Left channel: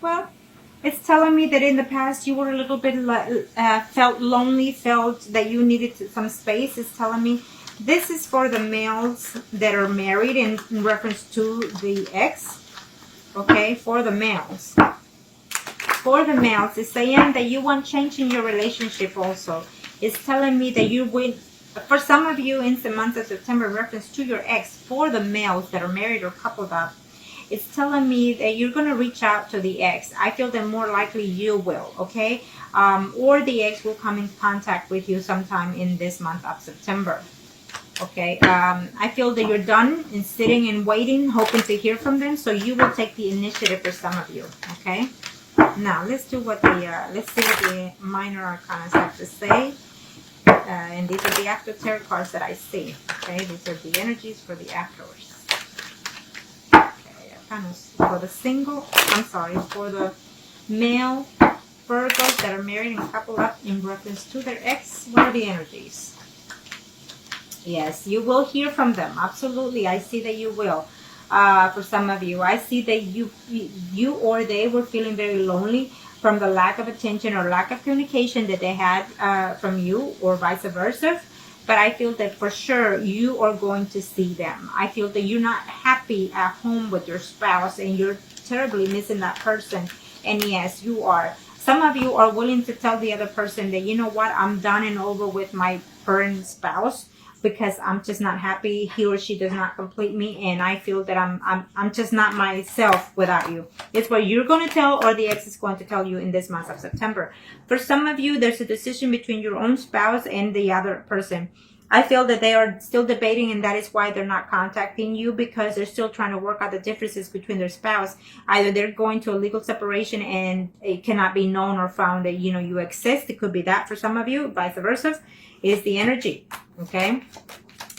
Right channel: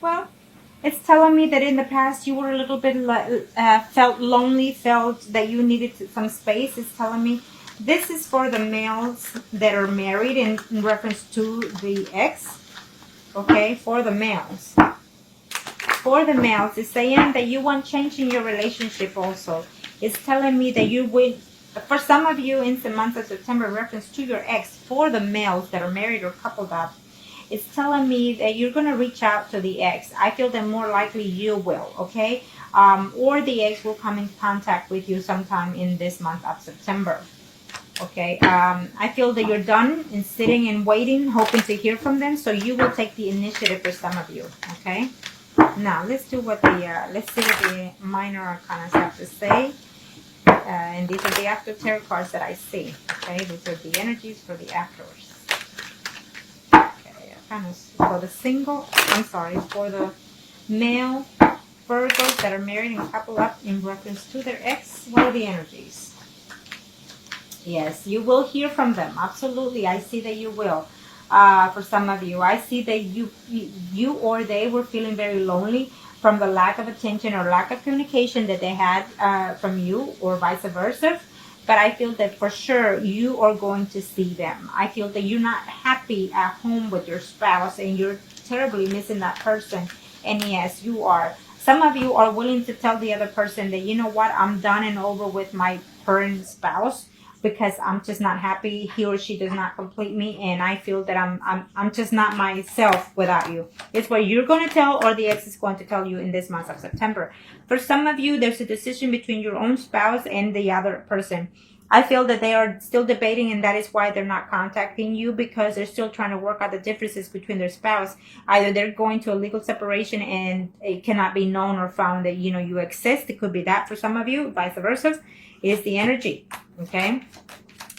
Well, it's telling me that in the past you were a little bit felt lonely, felt that you needed some space. It's telling me this is for the males that are married in reference to the ex. Okay, for the males. For the males, it's saying that you want change in your relationship also. It's telling me that you will, for some of you in the month of September, in reference to your ex, for the males that are married or coupled up, it's telling me that you're going to reach out to the ex. I feel that more likely you will, okay? Or the ex will come in contact with you sometime in this month of September, okay? I feel that you're done in sitting and waiting, hoping to hear from them, so you will take the initiative for some of you, okay? Now, let's see what the minor arcana have to say. And these are the after tarot cards that I see, okay? These are the energies for the afterwards. For the for the male Virgos that are married and couple up in reference to their ex, what are the energies? Yes, you will hear from them. Absolutely, I see that you will. For some of you, I see that you or they were feeling very lonely from the lack of attention or lack of communication that they had from you, or vice versa. But I feel that for sure you are going to see them. I feel that you're not happy at home with your spouse and you're terribly missing that person. And yes, you are. Some of you are willing to tell the other person that, you know what, I'm done and over with my current spouse because I'm just not happy. He or she does not complete me, and I feel that I'm just not myself without you. It's what you're going to tell, or the ex is going to tell you in this month of September. For some of you, there's a decision between your own spouse and the other person. I feel that they are still debating, and that is why they're not contacting you, because they're still trying to work out the differences between their spouse. Either they're going to a legal separation and it cannot be known or found that, you know, you exist. It could be that for some of you, vice versa. Is the energy, okay?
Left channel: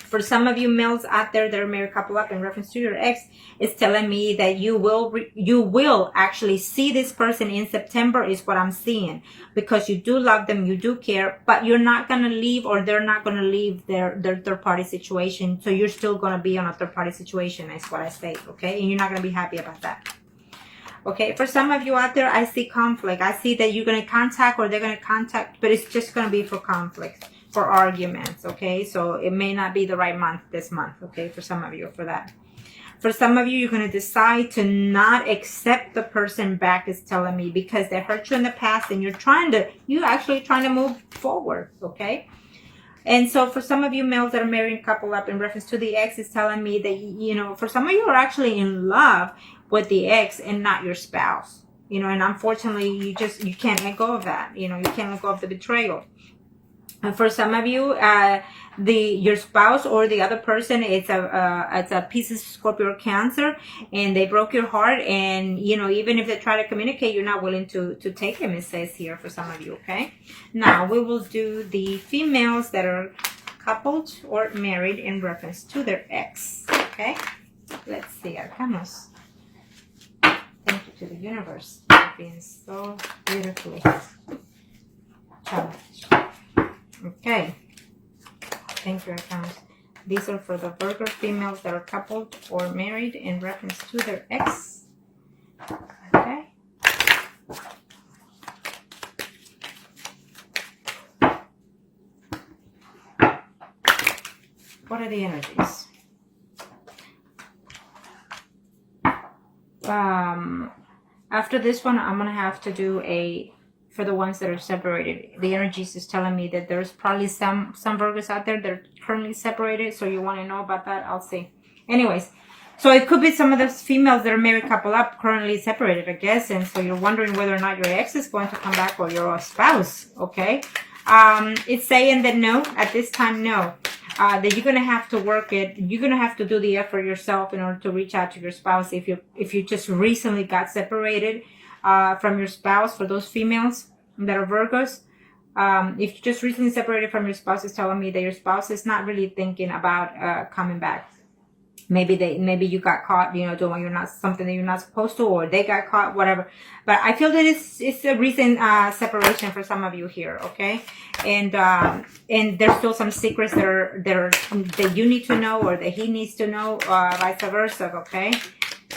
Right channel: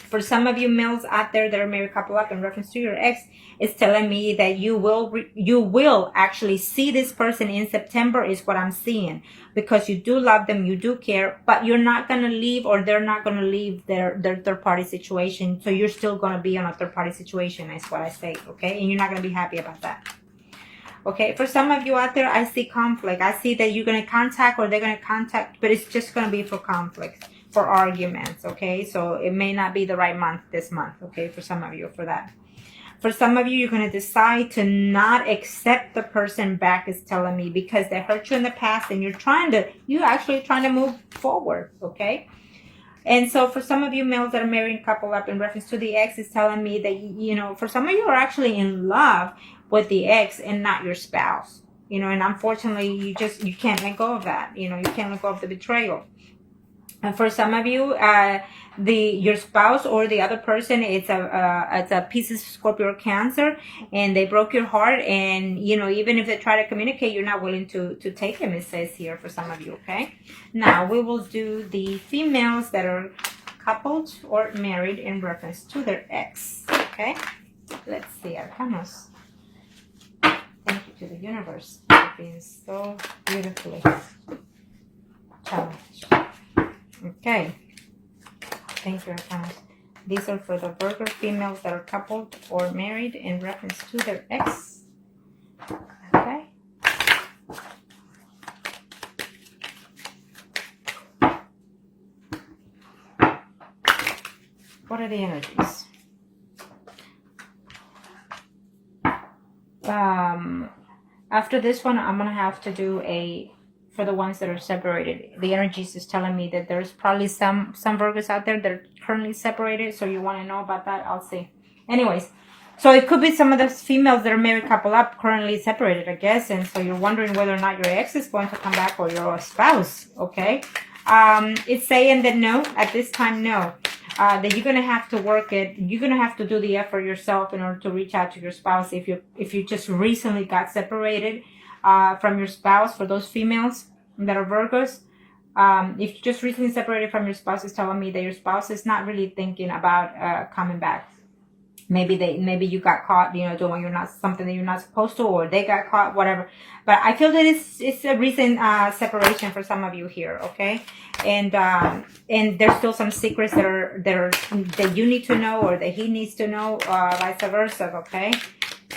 For some of you males out there that are married couple up in reference to your ex, it's telling me that you will actually see this person in September is what I'm seeing, because you do love them, you do care, but you're not going to leave, or they're not going to leave their third party situation. So you're still going to be on a third party situation is what I say, okay? And you're not going to be happy about that. Okay, for some of you out there, I see conflict. I see that you're going to contact, or they're going to contact, but it's just going to be for conflict, for arguments, okay? So it may not be the right month this month, okay, for some of you for that. For some of you, you're going to decide to not accept the person back, is telling me, because they hurt you in the past and you're actually trying to move forward, okay? And so for some of you males that are married couple up in reference to the ex, is telling me that, you know, for some of you are actually in love with the ex and not your spouse, you know, and unfortunately you can't let go of that, you know, you can't let go of the betrayal. And for some of you, your spouse or the other person, it's a Pisces, Scorpio, or Cancer, and they broke your heart. And you know, even if they try to communicate, you're not willing to take them. It says here for some of you. Okay. Now we will do the females that are coupled or married in reference to their ex. Okay. Let's see, Arcanos. Thank you to the universe for being so beautifully challenged. Okay, thank you, Arcanos. These are for the Virgo females that are coupled or married in reference to their ex. Okay. What are the energies? After this one, I'm going to have to do for the ones that are separated. The energies is telling me that there's probably some Virgos out there that are currently separated. So you want to know about that? I'll see. Anyways, so it could be some of the females that are married couple up currently separated, I guess. And so you're wondering whether or not your ex is going to come back, or your spouse. Okay. It's saying that no, at this time, no. That you're going to have to work it. You're going to have to do the effort yourself in order to reach out to your spouse. If you just recently got separated from your spouse, for those females that are Virgos, if you just recently separated from your spouse, is telling me that your spouse is not really thinking about coming back. Maybe you got caught, you know, doing something that you're not supposed to, or they got caught, whatever. But I feel that it's a recent separation for some of you here, okay? And there's still some secrets that you need to know, or that he needs to know, vice versa, okay?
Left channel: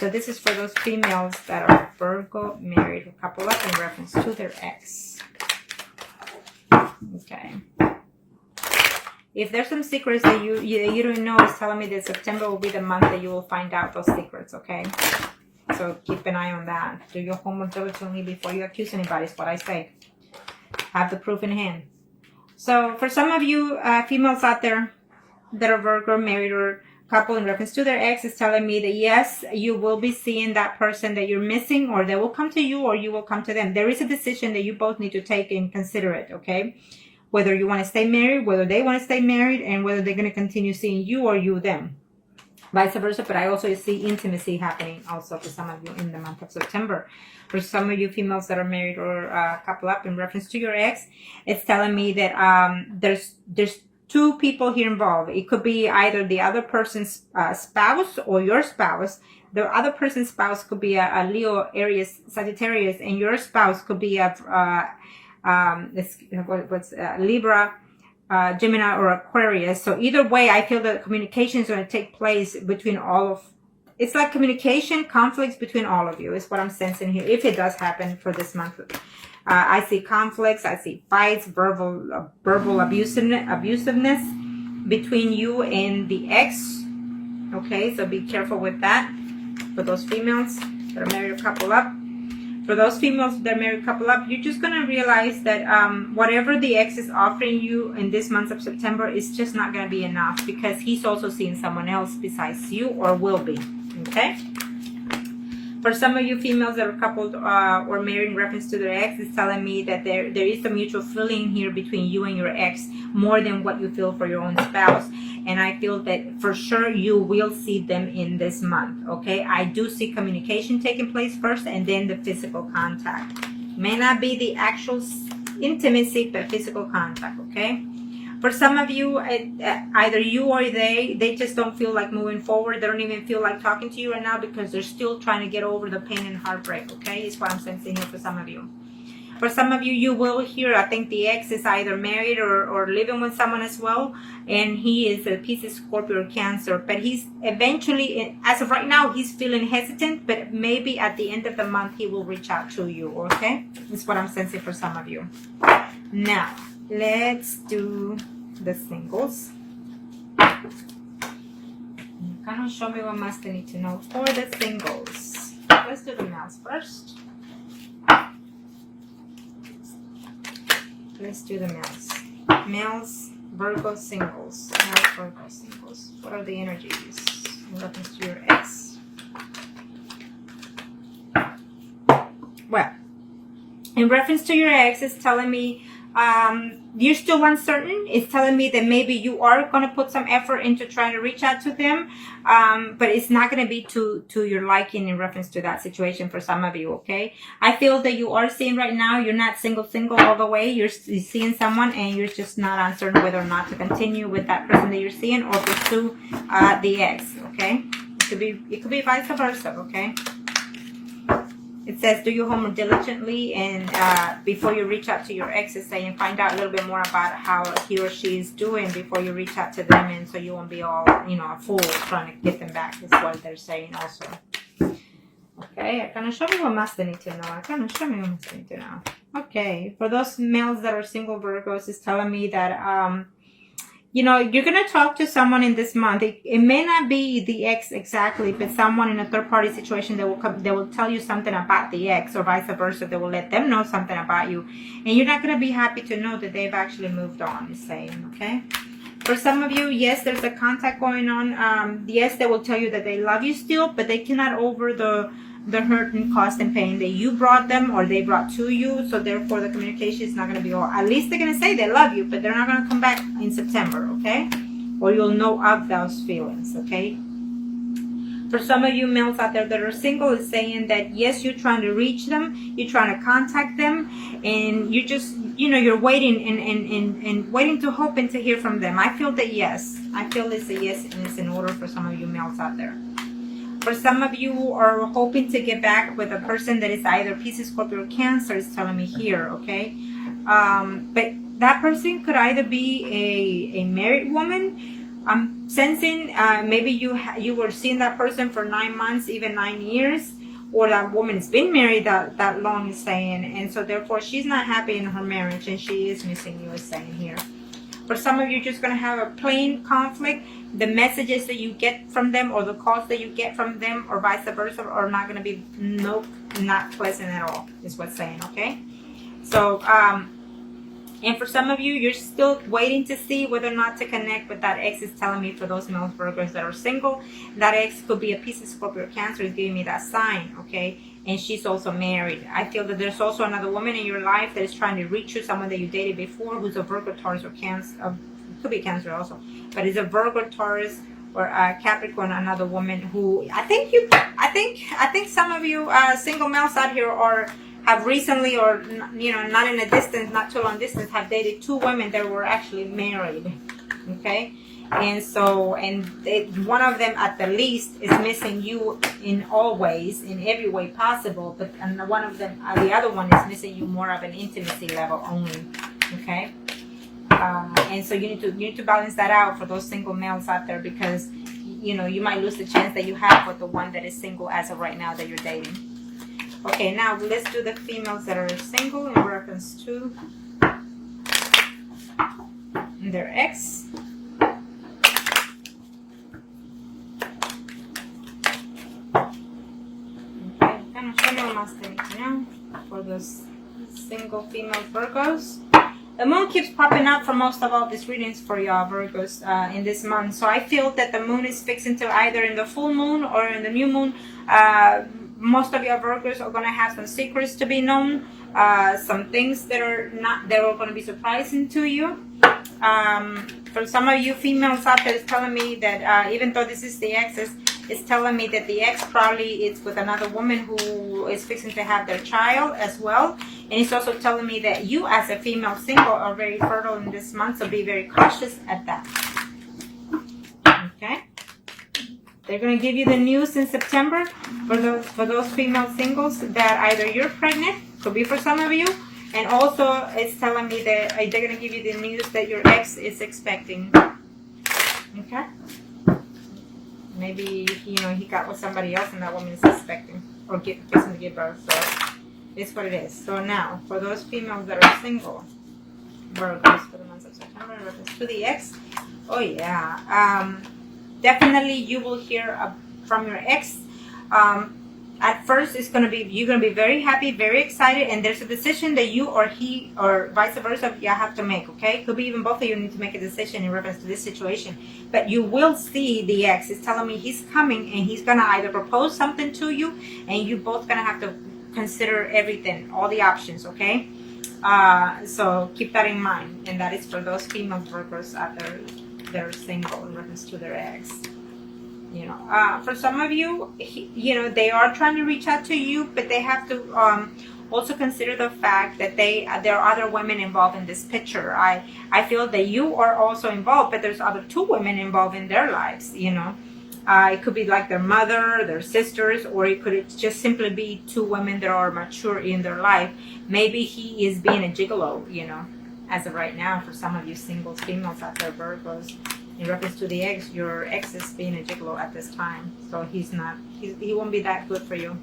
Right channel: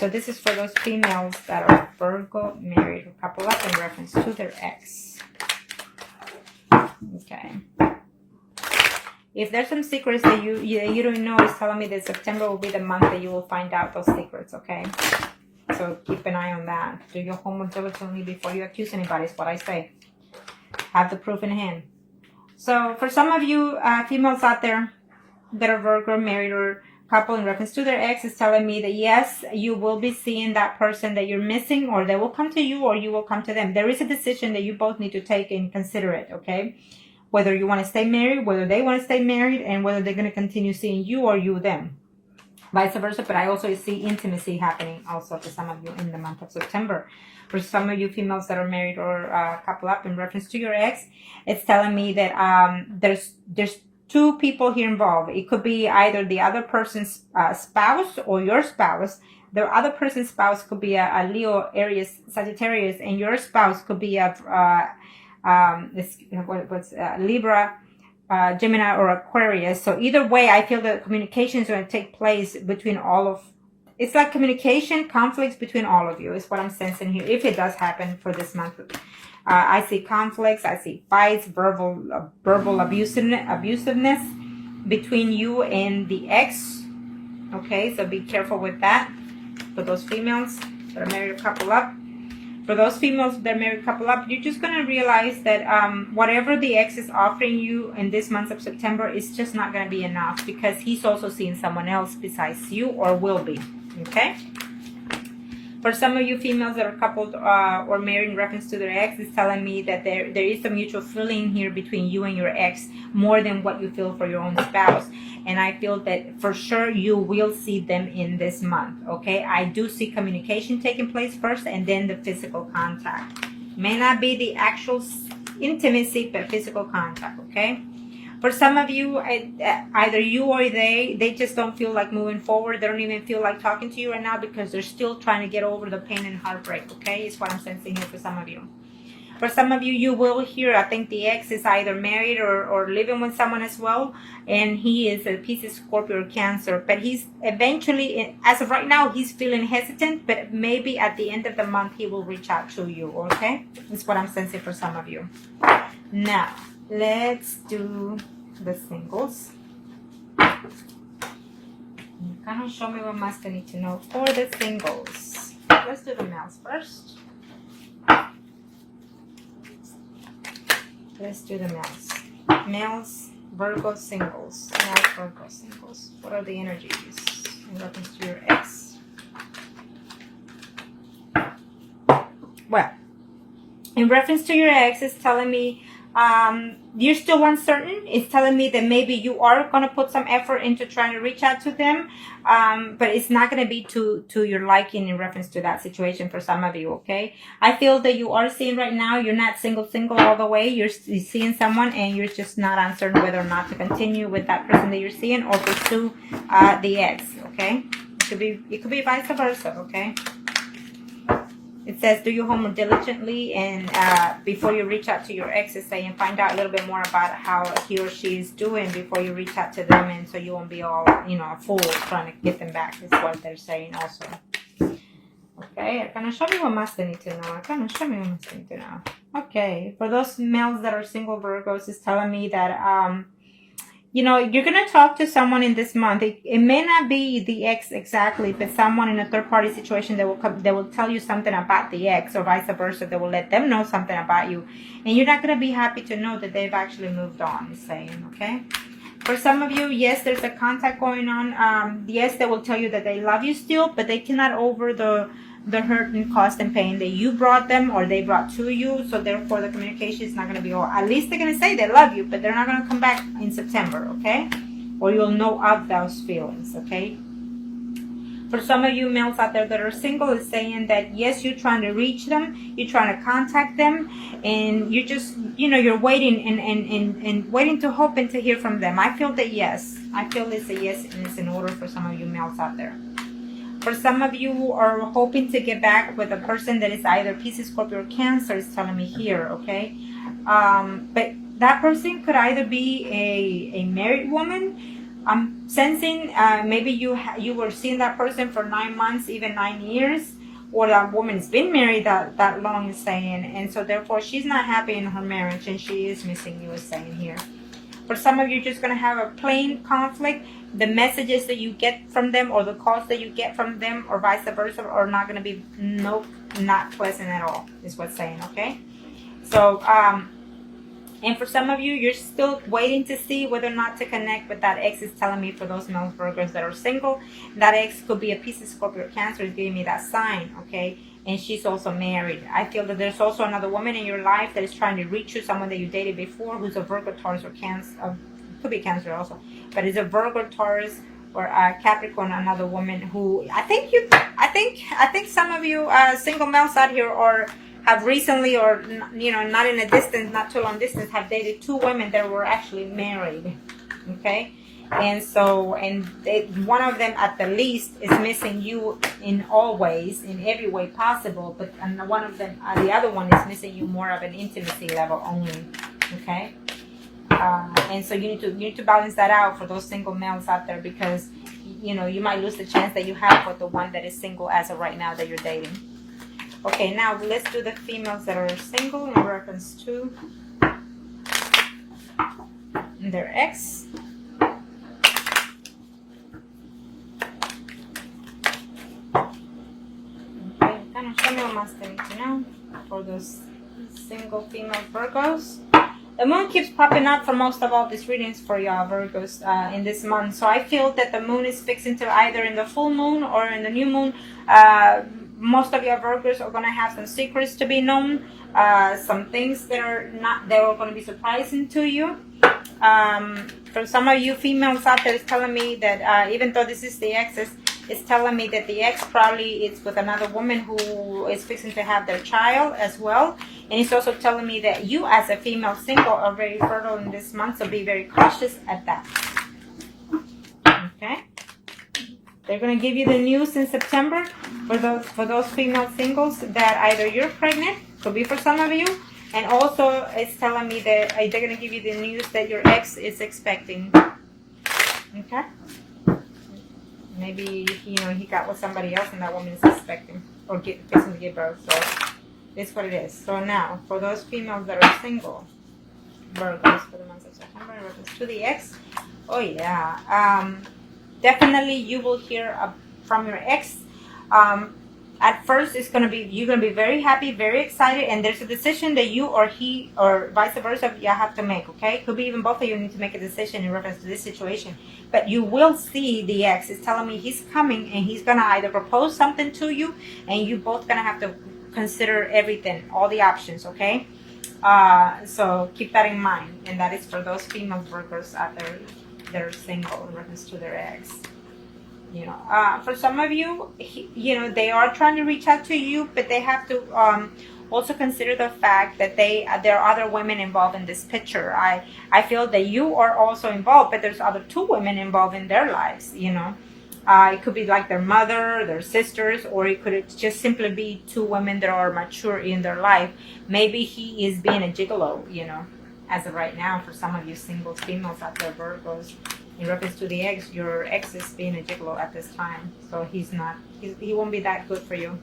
So this is for those females that are Virgo, married, couple up in reference to their ex. Okay. If there's some secrets that you don't know, it's telling me that September will be the month that you will find out those secrets, okay? So keep an eye on that. Do your homework diligently before you accuse anybody, is what I say. Have the proof in hand. So for some of you females out there that are Virgo, married, or couple in reference to their ex, is telling me that yes, you will be seeing that person that you're missing, or they will come to you, or you will come to them. There is a decision that you both need to take and consider it, okay? Whether you want to stay married, whether they want to stay married, and whether they're going to continue seeing you or you them. Vice versa, but I also see intimacy happening also for some of you in the month of September. For some of you females that are married or couple up in reference to your ex, it's telling me that there's two people here involved. It could be either the other person's spouse or your spouse. The other person's spouse could be a Leo, Aries, Sagittarius, and your spouse could be a Libra, Gemini, or Aquarius. So either way, I feel that communication is going to take place between all of. It's like communication, conflicts between all of you is what I'm sensing here. If it does happen for this month, I see conflicts, I see fights, verbal abusiveness between you and the ex. Okay, so be careful with that. For those females that are married or couple up. For those females that are married couple up, you're just going to realize that whatever the ex is offering you in this month of September is just not going to be enough, because he's also seeing someone else besides you, or will be. Okay? For some of you females that are coupled or married in reference to their ex, is telling me that there is a mutual feeling here between you and your ex, more than what you feel for your own spouse. And I feel that for sure you will see them in this month, okay? I do see communication taking place first, and then the physical contact. May not be the actual intimacy, but physical contact, okay? For some of you, either you or they just don't feel like moving forward. They don't even feel like talking to you right now, because they're still trying to get over the pain and heartbreak, okay? Is what I'm sensing here for some of you. For some of you, you will hear, I think the ex is either married or living with someone as well. And he is a Pisces, Scorpio, or Cancer. But he's eventually, as of right now, he's feeling hesitant. But maybe at the end of the month, he will reach out to you, okay? That's what I'm sensing for some of you. Now, let's do the singles. Kind of show me what must I need to know for the singles. Let's do the males first. Let's do the males. Males, Virgo singles. Males, Virgo singles. What are the energies in reference to your ex? Well, in reference to your ex, it's telling me you're still uncertain. It's telling me that maybe you are going to put some effort into trying to reach out to them, but it's not going to be to your liking in reference to that situation for some of you, okay? I feel that you are seeing right now, you're not single all the way. You're seeing someone, and you're just not uncertain whether or not to continue with that person that you're seeing, or pursue the ex, okay? It could be vice versa, okay? It says, do your homework diligently, and before you reach out to your ex, it's saying find out a little bit more about how he or she is doing before you reach out to them, and so you won't be all, a fool trying to get them back, is what they're saying also. Okay, kind of show me what must I need to know. Kind of show me what must I need to know. Okay, for those males that are single Virgos, it's telling me that you're going to talk to someone in this month. It may not be the ex exactly, but someone in a third-party situation that will tell you something about the ex, or vice versa. They will let them know something about you. And you're not going to be happy to know that they've actually moved on, it's saying, okay? For some of you, yes, there's a contact going on. Yes, they will tell you that they love you still, but they cannot over the hurt and cost and pain that you brought them, or they brought to you. So therefore the communication is not going to be all. At least they're going to say they love you, but they're not going to come back in September, okay? Or you'll know of those feelings, okay? For some of you males out there that are single, it's saying that yes, you're trying to reach them, you're trying to contact them, and you just, you're waiting and waiting to hope and to hear from them. I feel that yes. I feel it's a yes, and it's in order for some of you males out there. For some of you who are hoping to get back with a person that is either Pisces, Scorpio, or Cancer, is telling me here, okay? But that person could either be a married woman, I'm sensing maybe you were seeing that person for 9 months, even 9 years, or that woman's been married that long, is saying, and so therefore she's not happy in her marriage and she is missing you, is saying here. For some of you, you're just going to have a plain conflict. The messages that you get from them or the calls that you get from them or vice versa are not going to be, nope, not pleasant at all, is what's saying, okay? So, and for some of you, you're still waiting to see whether or not to connect, but that ex is telling me for those male Virgos that are single, that ex could be a Pisces, Scorpio, Cancer, is giving me that sign, okay? And she's also married. I feel that there's also another woman in your life that is trying to reach you, someone that you dated before who's a Virgo, Taurus, or Cancer, could be Cancer also, but is a Virgo, Taurus, or Capricorn, another woman who I think some of you single males out here are have recently, or not in a distance, not too long distance, have dated 2 women that were actually married, okay? And so, one of them at the least is missing you in all ways, in every way possible, but one of them, the other one is missing you more of an intimacy level only, okay? And so you need to balance that out for those single males out there, because you might lose the chance that you have with the one that is single as of right now that you're dating. Okay, now let's do the females that are single in reference to their ex. Okay, kind of show you what I need to know for those single female Virgos. The moon keeps popping up for most of all these readings for y'all Virgos in this month. So I feel that the moon is fixing to either in the full moon or in the new moon. Most of your Virgos are going to have some secrets to be known, some things that are going to be surprising to you. For some of you females out there, it's telling me that even though this is the exes, it's telling me that the ex probably is with another woman who is fixing to have their child as well. And it's also telling me that you as a female single are very fertile in this month, so be very cautious at that. Okay? They're going to give you the news in September for those female singles that either you're pregnant, could be for some of you, and also it's telling me that they're going to give you the news that your ex is expecting. Okay? Maybe he got with somebody else and that woman is expecting or fixing to give birth. So it's what it is. So now for those females that are single, Virgos for the month of September in reference to the ex. Oh yeah. Definitely you will hear from your ex. At first you're gonna be very happy, very excited, and there's a decision that you or he or vice versa you have to make, okay? Could be even both of you need to make a decision in reference to this situation. But you will see the ex is telling me he's coming and he's gonna either propose something to you, and you both gonna have to consider everything, all the options, okay? So keep that in mind, and that is for those female Virgos out there that are single in reference to their ex. For some of you, they are trying to reach out to you, but they have to also consider the fact that there are other women involved in this picture. I feel that you are also involved, but there's other 2 women involved in their lives. It could be like their mother, their sisters, or it could just simply be 2 women that are mature in their life. Maybe he is being a gigolo, as of right now. For some of you single females out there, Virgos, in reference to the ex, your ex is being a gigolo at this time. So he won't be that good for you.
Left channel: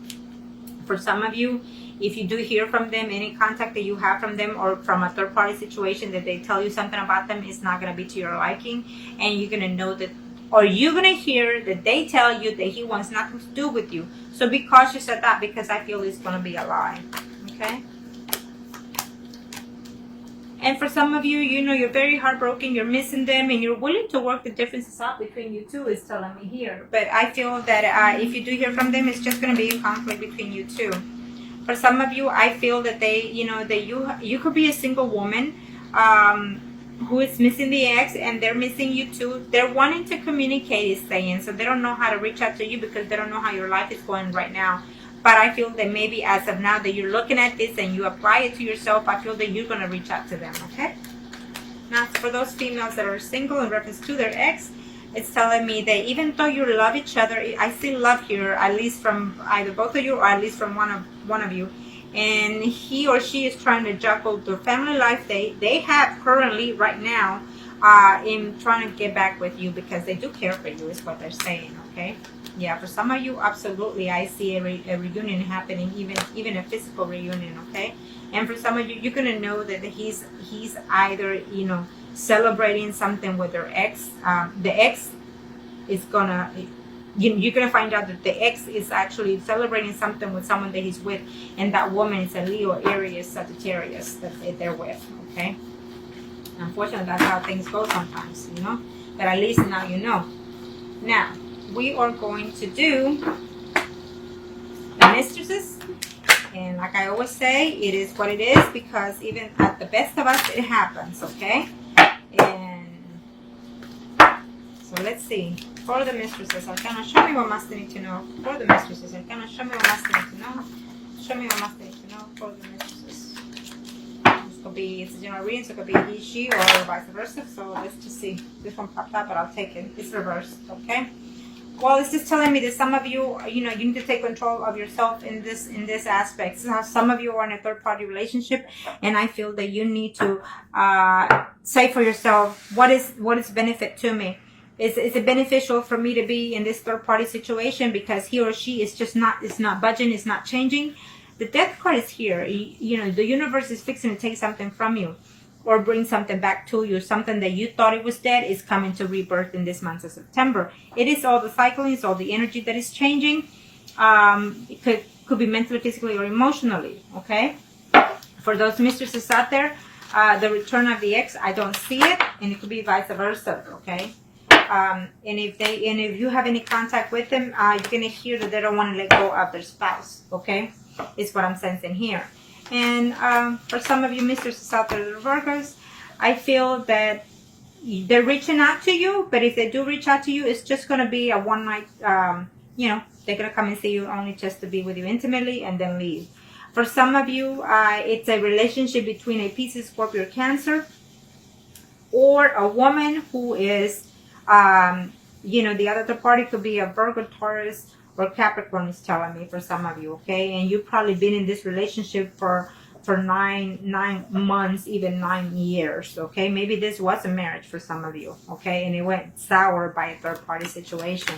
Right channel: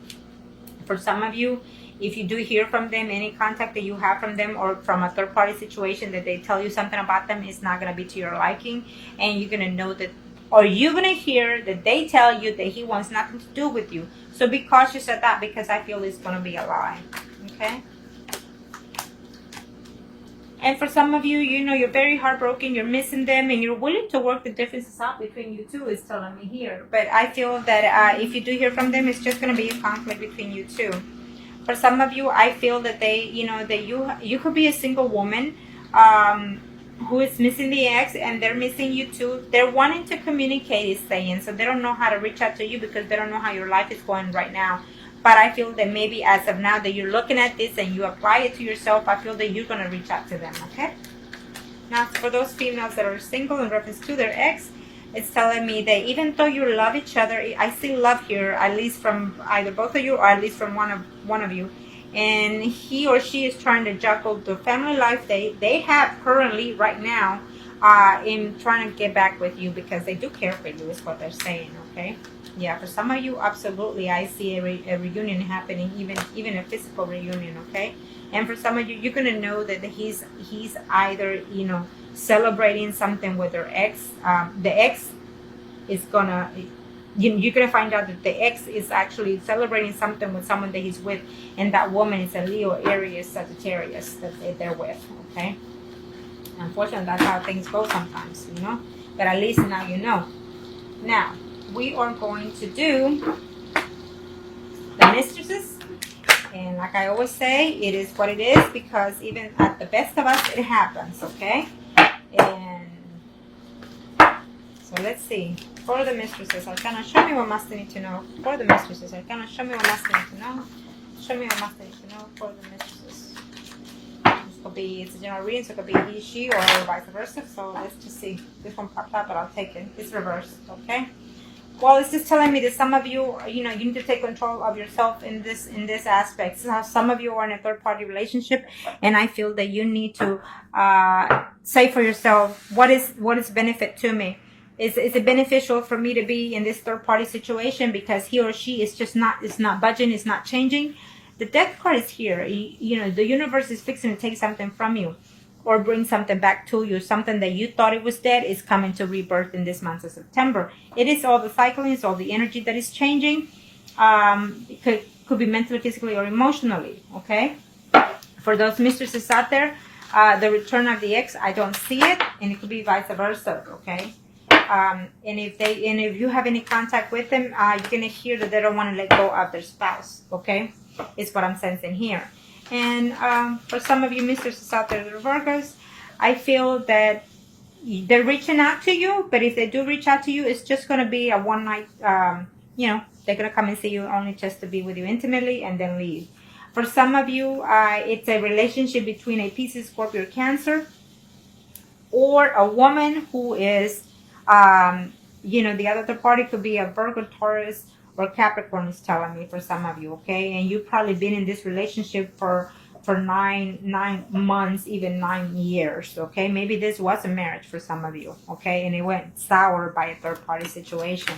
For some of you, if you do hear from them, any contact that you have from them or from a third party situation that they tell you something about them, is not going to be to your liking. And you're going to know that, or you're going to hear that they tell you that he wants nothing to do with you. So be cautious of that, because I feel it's going to be a lie. Okay? And for some of you, you're very heartbroken, you're missing them, and you're willing to work the differences out between you 2, is telling me here. But I feel that if you do hear from them, it's just going to be a conflict between you 2. For some of you, I feel that that you could be a single woman who is missing the ex, and they're missing you too. They're wanting to communicate, is saying, so they don't know how to reach out to you because they don't know how your life is going right now. But I feel that maybe as of now that you're looking at this and you apply it to yourself, I feel that you're going to reach out to them, okay? Now, for those females that are single in reference to their ex, it's telling me that even though you love each other, I see love here, at least from either both of you or at least from one of you. And he or she is trying to juggle the family life they have currently right now in trying to get back with you because they do care for you is what they're saying, okay? Yeah, for some of you, absolutely, I see a reunion happening, even a physical reunion, okay? And for some of you, you're gonna know that he's either, you know, celebrating something with their ex. The ex is gonna, you're gonna find out that the ex is actually celebrating something with someone that he's with, and that woman is a Leo, Aries, Sagittarius that they're with, okay? Unfortunately, that's how things go sometimes, you know. But at least now you know. Now, we are going to do the mistresses. And like I always say, it is what it is because even at the best of us, it happens, okay? And so let's see. For the mistresses, Arcana, show me what Master need to know. For the mistresses, Arcana, show me what Master need to know. Show me what Master need to know for the mistresses. This could be, it's a general reading, so it could be he, she, or vice versa. So let's just see. This one popped up, but I'll take it. It's reversed, okay? Well, it's just telling me that some of you, you know, you need to take control of yourself in this aspect. So some of you are in a third-party relationship, and I feel that you need to say for yourself, what is benefit to me? Is it beneficial for me to be in this third-party situation because he or she is just not, it's not budging, it's not changing? The death card is here. You know, the universe is fixing to take something from you or bring something back to you. Something that you thought it was dead is coming to rebirth in this month of September. It is all the cycling, it's all the energy that is changing. It could be mentally, physically, or emotionally, okay? For those mistresses out there, the return of the ex, I don't see it, and it could be vice versa, okay? And if you have any contact with them, you're gonna hear that they don't want to let go of their spouse, okay? Is what I'm sensing here. And for some of you mistresses out there, the Virgos, I feel that they're reaching out to you, but if they do reach out to you, it's just going to be a one night, you know, they're going to come and see you only just to be with you intimately and then leave. For some of you, it's a relationship between a Pisces, Scorpio, Cancer, or a woman who is, you know, the other third party could be a Virgo, Taurus, or Capricorn is telling me for some of you, okay? And you've probably been in this relationship for 9 months, even 9 years, okay? Maybe this was a marriage for some of you, okay? And it went sour by a third-party situation.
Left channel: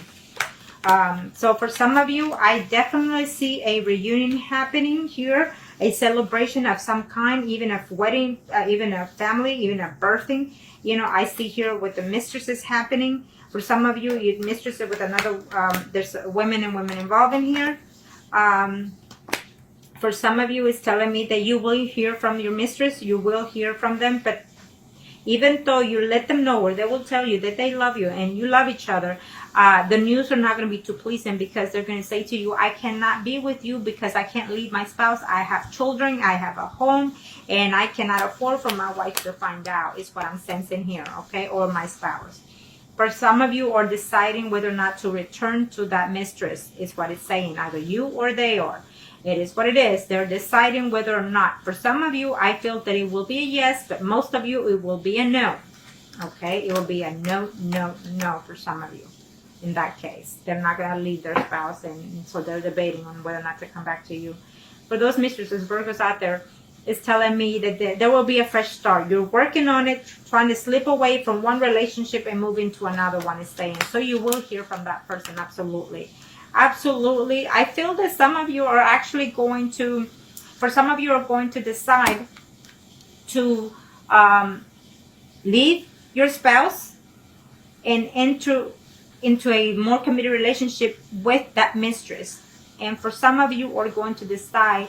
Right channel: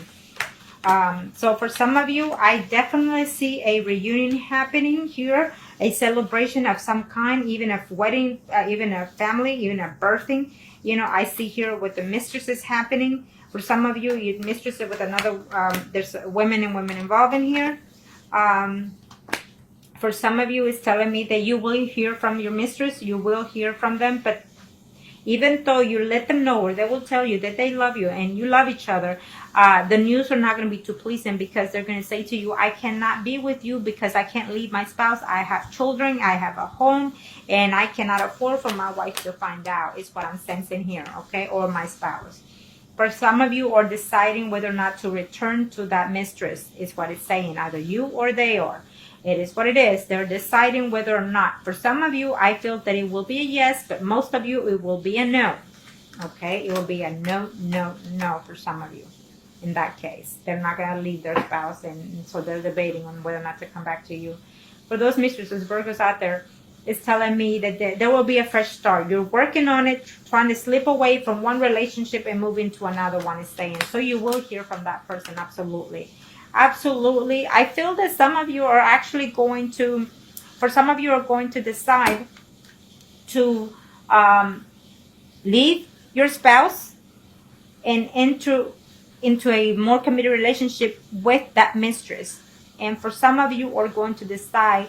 So for some of you, I definitely see a reunion happening here, a celebration of some kind, even a wedding, even a family, even a birthing. You know, I see here with the mistresses happening. For some of you, you're mistresses with another, there's women and women involved in here. For some of you, it's telling me that you will hear from your mistress, you will hear from them, but even though you let them know, or they will tell you that they love you and you love each other, the news are not going to be too pleasing because they're going to say to you, I cannot be with you because I can't leave my spouse. I have children, I have a home, and I cannot afford for my wife to find out, is what I'm sensing here, okay, or my spouse. For some of you are deciding whether or not to return to that mistress, is what it's saying, either you or they are. It is what it is. They're deciding whether or not. For some of you, I feel that it will be a yes, but most of you, it will be a no. Okay? It will be a no, no, no for some of you in that case. They're not going to leave their spouse, and so they're debating on whether or not to come back to you. For those mistresses, Virgos out there, it's telling me that there will be a fresh start. You're working on it, trying to slip away from one relationship and move into another one, is saying. So you will hear from that person, absolutely. Absolutely. I feel that some of you are actually going to, for some of you are going to decide to leave your spouse and enter into a more committed relationship with that mistress. And for some of you are going to decide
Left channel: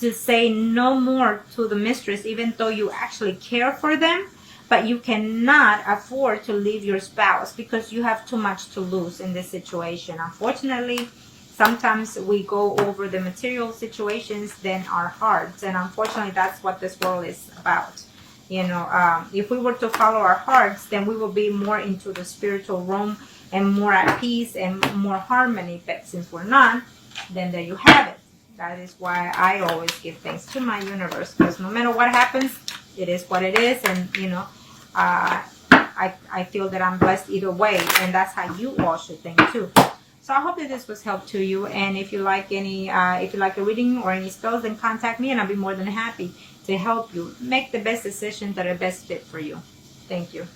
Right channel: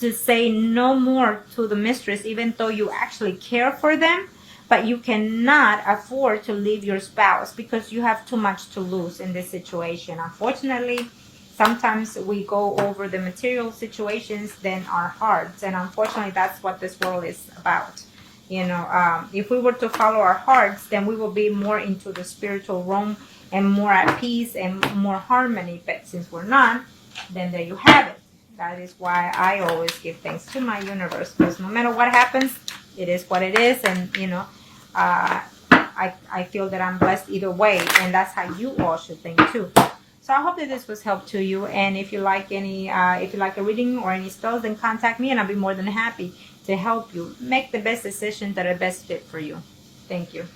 to say no more to the mistress, even though you actually care for them, but you cannot afford to leave your spouse because you have too much to lose in this situation. Unfortunately, sometimes we go over the material situations than our hearts, and unfortunately, that's what this world is about. You know, if we were to follow our hearts, then we will be more into the spiritual realm and more at peace and more harmony. But since we're not, then there you have it. That is why I always give thanks to my universe, because no matter what happens, it is what it is, and you know, I feel that I'm blessed either way, and that's how you all should think too. So I hope that this was help to you, and if you like any, if you like a reading or any spells, then contact me, and I'll be more than happy to help you make the best decisions that are best fit for you. Thank you.